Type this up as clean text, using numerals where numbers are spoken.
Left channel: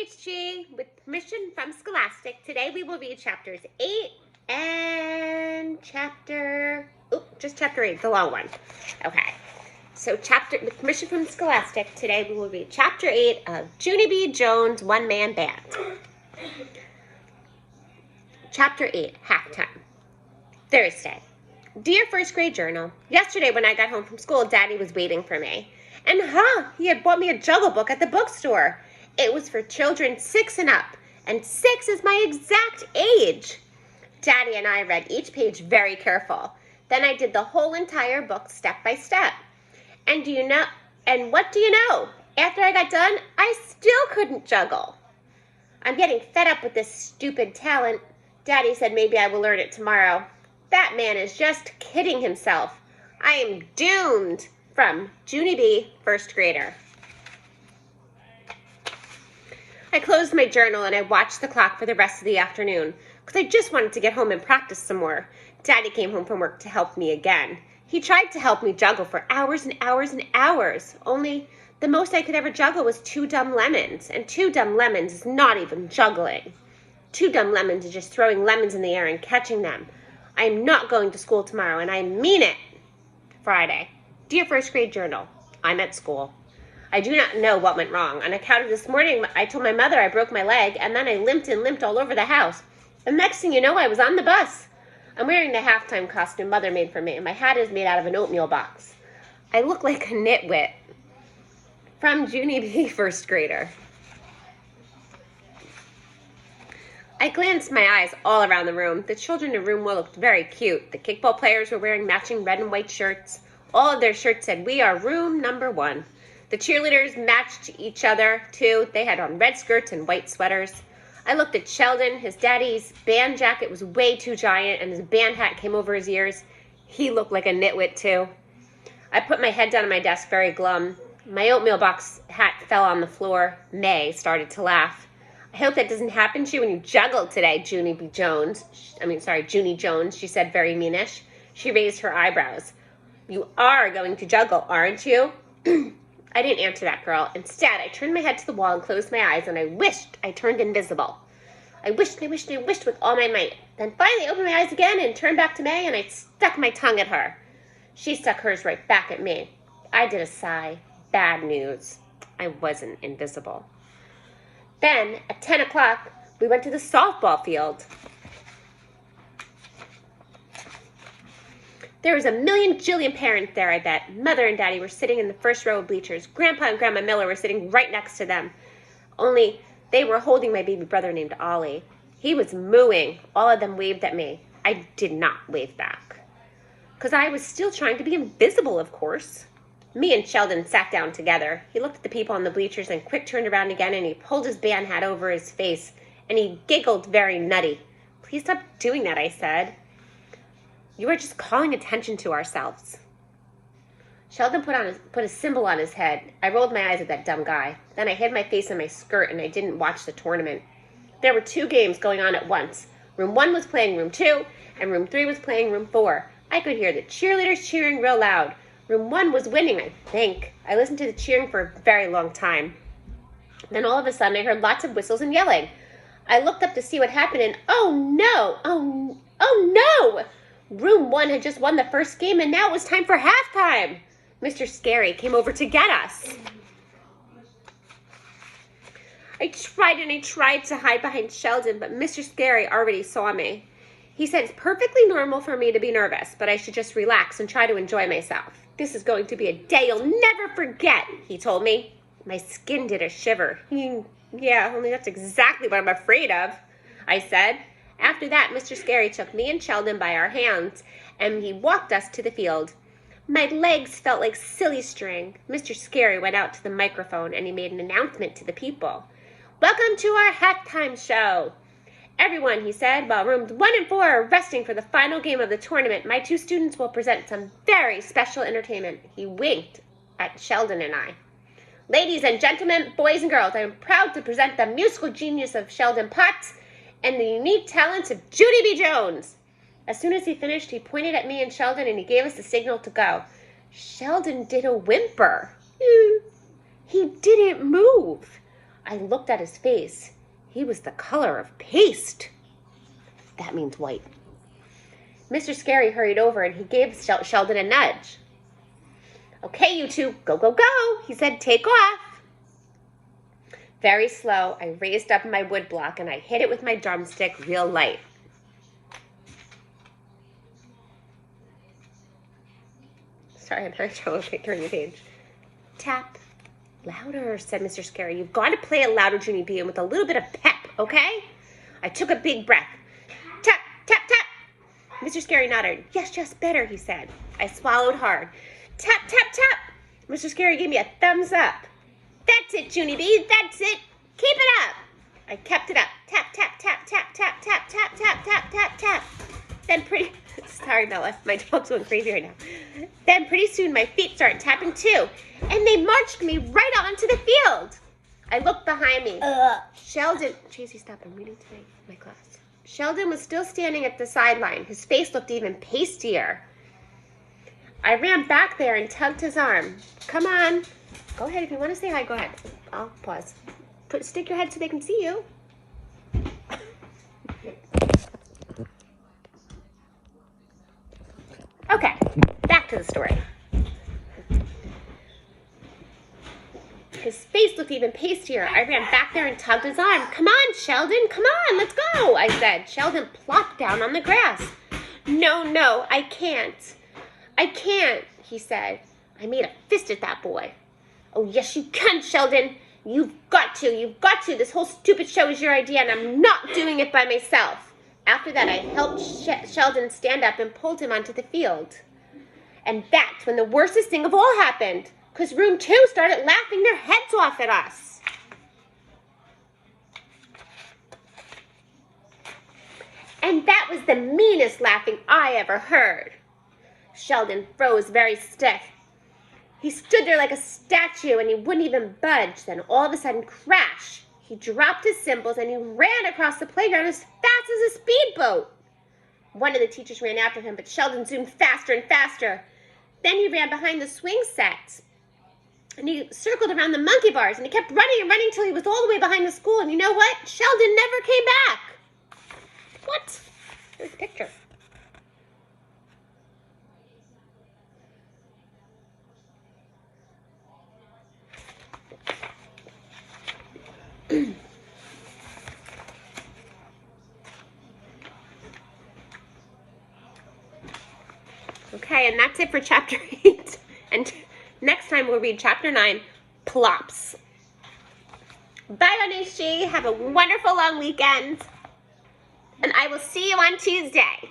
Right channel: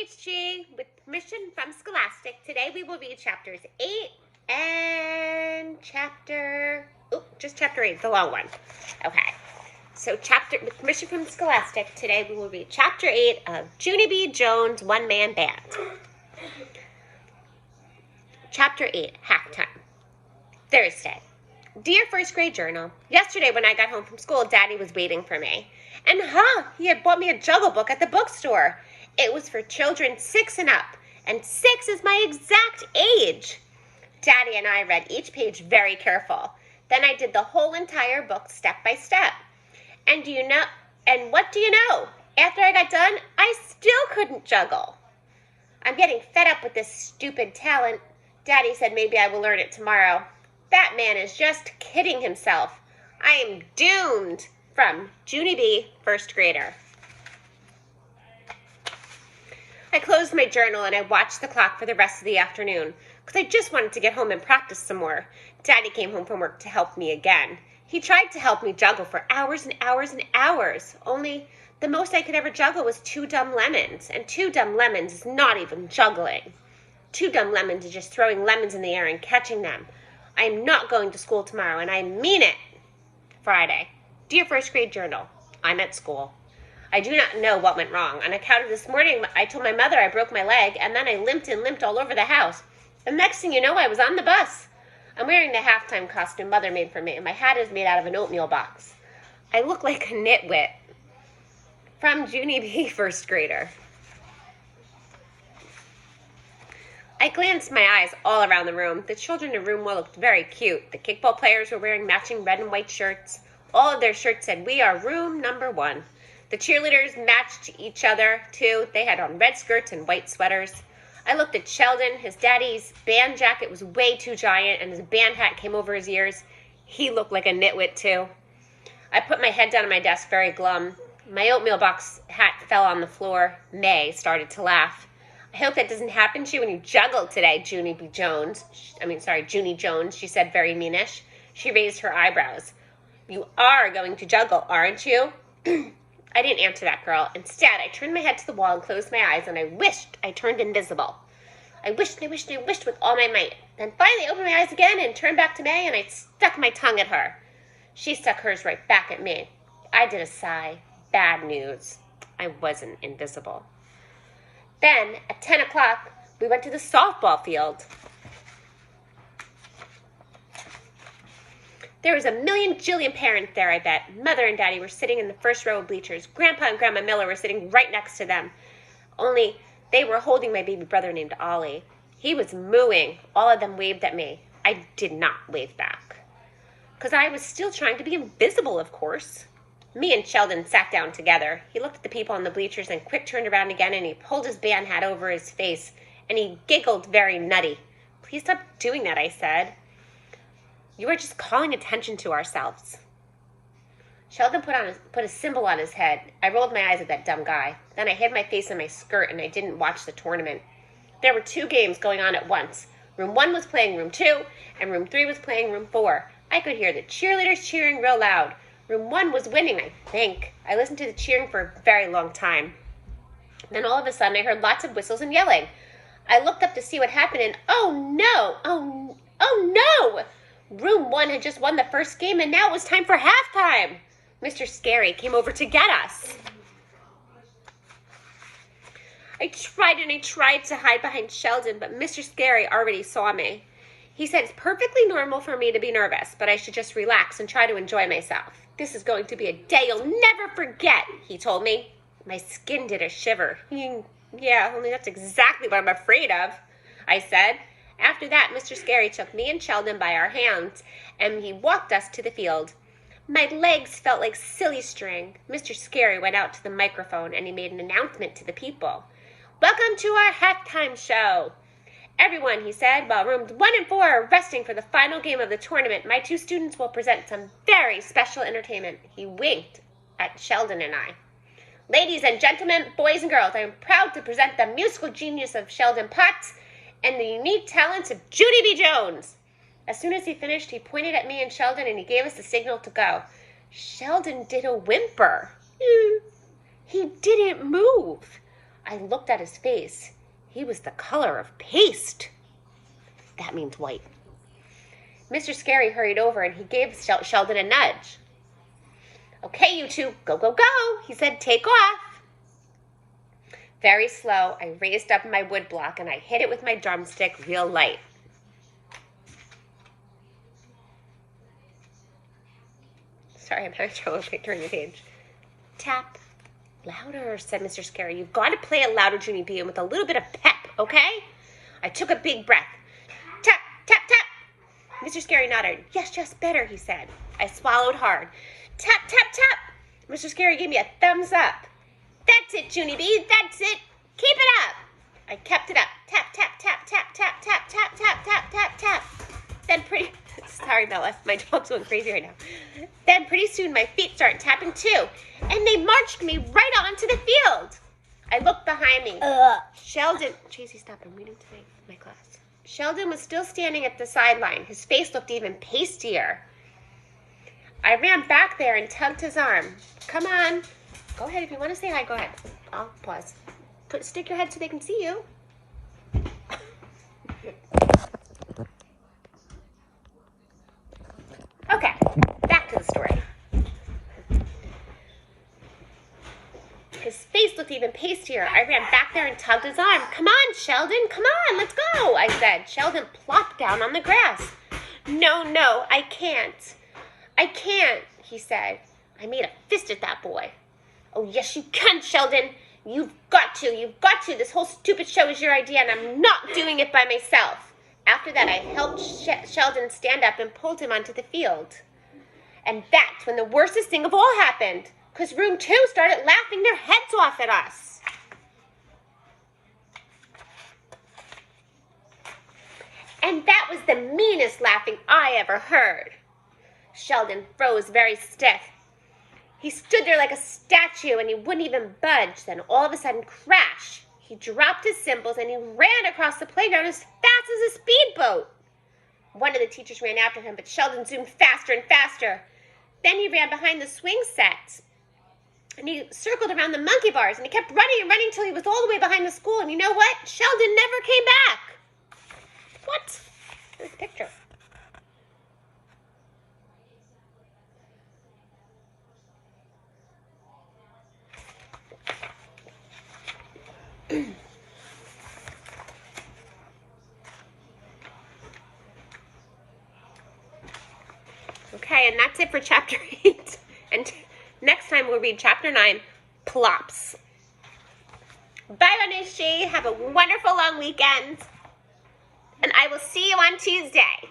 HG. With permission from Scholastic, today we will read chapters 8 and just chapter 8, the long one. Okay, so with permission from Scholastic, today we will read chapter 8 of Junie B. Jones' One-Man Band. Chapter 8, Halftime. Thursday. Dear First Grade Journal, yesterday when I got home from school, Daddy was waiting for me. And he had bought me a Juggle book at the bookstore. It was for children 6 and up, and 6 is my exact age. Daddy and I read each page very careful. Then I did the whole entire book step by step. And what do you know? After I got done, I still couldn't juggle. I'm getting fed up with this stupid talent. Daddy said maybe I will learn it tomorrow. That man is just kidding himself. I am doomed. From Junie B., first grader. I closed my journal and I watched the clock for the rest of the afternoon because I just wanted to get home and practice some more. Daddy came home from work to help me again. He tried to help me juggle for hours and hours and hours, only the most I could ever juggle was 2 dumb lemons, and 2 dumb lemons is not even juggling. 2 dumb lemons is just throwing lemons in the air and catching them. I am not going to school tomorrow, and I mean it. Friday. Dear First Grade Journal, I'm at school. I do not know what went wrong. On account of this morning, I told my mother I broke my leg, and then I limped all over the house. And next thing you know, I was on the bus. I'm wearing the halftime costume Mother made for me, and my hat is made out of an oatmeal box. I look like a nitwit. From Junie B., first grader. I glanced my eyes all around the room. The children in room 1 looked very cute. The kickball players were wearing matching red and white shirts. All of their shirts said, "We are room number 1." The cheerleaders matched each other, too. They had on red skirts and white sweaters. I looked at Sheldon. His daddy's band jacket was way too giant, and his band hat came over his ears. He looked like a nitwit, too. I put my head down on my desk, very glum. My oatmeal box hat fell on the floor. May started to laugh. I hope that doesn't happen to you when you juggle today, Junie Jones, she said, very meanish. She raised her eyebrows. You are going to juggle, aren't you? I didn't answer that girl. Instead, I turned my head to the wall and closed my eyes, and I wished I turned invisible. I wished with all my might. Then finally I opened my eyes again and turned back to May, and I stuck my tongue at her. She stuck hers right back at me. I did a sigh. Bad news. I wasn't invisible. Then, at 10 o'clock, we went to the softball field. There was a million jillion parents there, I bet. Mother and Daddy were sitting in the first row of bleachers. Grandpa and Grandma Miller were sitting right next to them. Only they were holding my baby brother named Ollie. He was mooing. All of them waved at me. I did not wave back. Because I was still trying to be invisible, of course. Me and Sheldon sat down together. He looked at the people on the bleachers and quick turned around again, and he pulled his band hat over his face, and he giggled very nutty. Please stop doing that, I said. You are just calling attention to ourselves. Sheldon put a symbol on his head. I rolled my eyes at that dumb guy. Then I hid my face in my skirt and I didn't watch the tournament. There were 2 games going on at once. Room 1 was playing room 2 and room 3 was playing room 4. I could hear the cheerleaders cheering real loud. Room 1 was winning, I think. I listened to the cheering for a very long time. Then all of a sudden I heard lots of whistles and yelling. I looked up to see what happened and oh no! Room 1 had just won the first game, and now it was time for halftime. Mr. Scary came over to get us. I tried to hide behind Sheldon, but Mr. Scary already saw me. He said it's perfectly normal for me to be nervous, but I should just relax and try to enjoy myself. This is going to be a day you'll never forget, he told me. My skin did a shiver. Yeah, only that's exactly what I'm afraid of, I said. After that, Mr. Scary took me and Sheldon by our hands, and he walked us to the field. My legs felt like silly string. Mr. Scary went out to the microphone, and he made an announcement to the people. Welcome to our halftime show. Everyone, he said, while rooms 1 and 4 are resting for the final game of the tournament, my 2 students will present some very special entertainment. He winked at Sheldon and I. Ladies and gentlemen, boys and girls, I am proud to present the musical genius of Sheldon Potts and the unique talents of Junie B. Jones. As soon as he finished, he pointed at me and Sheldon, and he gave us the signal to go. Sheldon did a whimper. He didn't move. I looked at his face. He was the color of paste. That means white. Mr. Scary hurried over and he gave Sheldon a nudge. Okay, you two, go, go, go, he said, take off. Very slow, I raised up my wood block and I hit it with my drumstick real light. Sorry, I'm having trouble turning the page. Tap. Louder, said Mr. Scary. You've got to play it louder, Junie B, and with a little bit of pep, okay? I took a big breath. Tap, tap, tap. Mr. Scary nodded. Yes, just better, he said. I swallowed hard. Tap, tap, tap. Mr. Scary gave me a thumbs up. That's it, Junie B, that's it. Keep it up. I kept it up. Tap, tap, tap, tap, tap, tap, tap, tap, tap, tap, tap. Then sorry, Bella, my dog's going crazy right now. Then pretty soon my feet started tapping too, and they marched me right onto the field. I looked behind me. Sheldon, Tracy, stop, I'm reading to my class. Sheldon was still standing at the sideline. His face looked even pastier. I ran back there and tugged his arm. Come on. Go ahead, if you want to say hi, go ahead. I'll pause. Stick your head so they can see you. Okay, back to the story. His face looked even pastier. I ran back there and tugged his arm. Come on, Sheldon, come on, let's go, I said. Sheldon plopped down on the grass. No, I can't. I can't, he said. I made a fist at that boy. Oh, yes, you can, Sheldon. You've got to. This whole stupid show is your idea, and I'm not doing it by myself. After that, I helped Sheldon stand up and pulled him onto the field. And that's when the worstest thing of all happened, because Room 2 started laughing their heads off at us. And that was the meanest laughing I ever heard. Sheldon froze very stiff. He stood there like a statue and he wouldn't even budge. Then all of a sudden, crash! He dropped his cymbals and he ran across the playground as fast as a speedboat. One of the teachers ran after him, but Sheldon zoomed faster and faster. Then he ran behind the swing set. And he circled around the monkey bars and he kept running and running until he was all the way behind the school. And you know what? Sheldon never came back. What? Here's a picture. Okay, and that's it for chapter 8. And next time we'll read chapter 9, Plops. Bye, Onishi. Have a wonderful long weekend. And I will see you on Tuesday.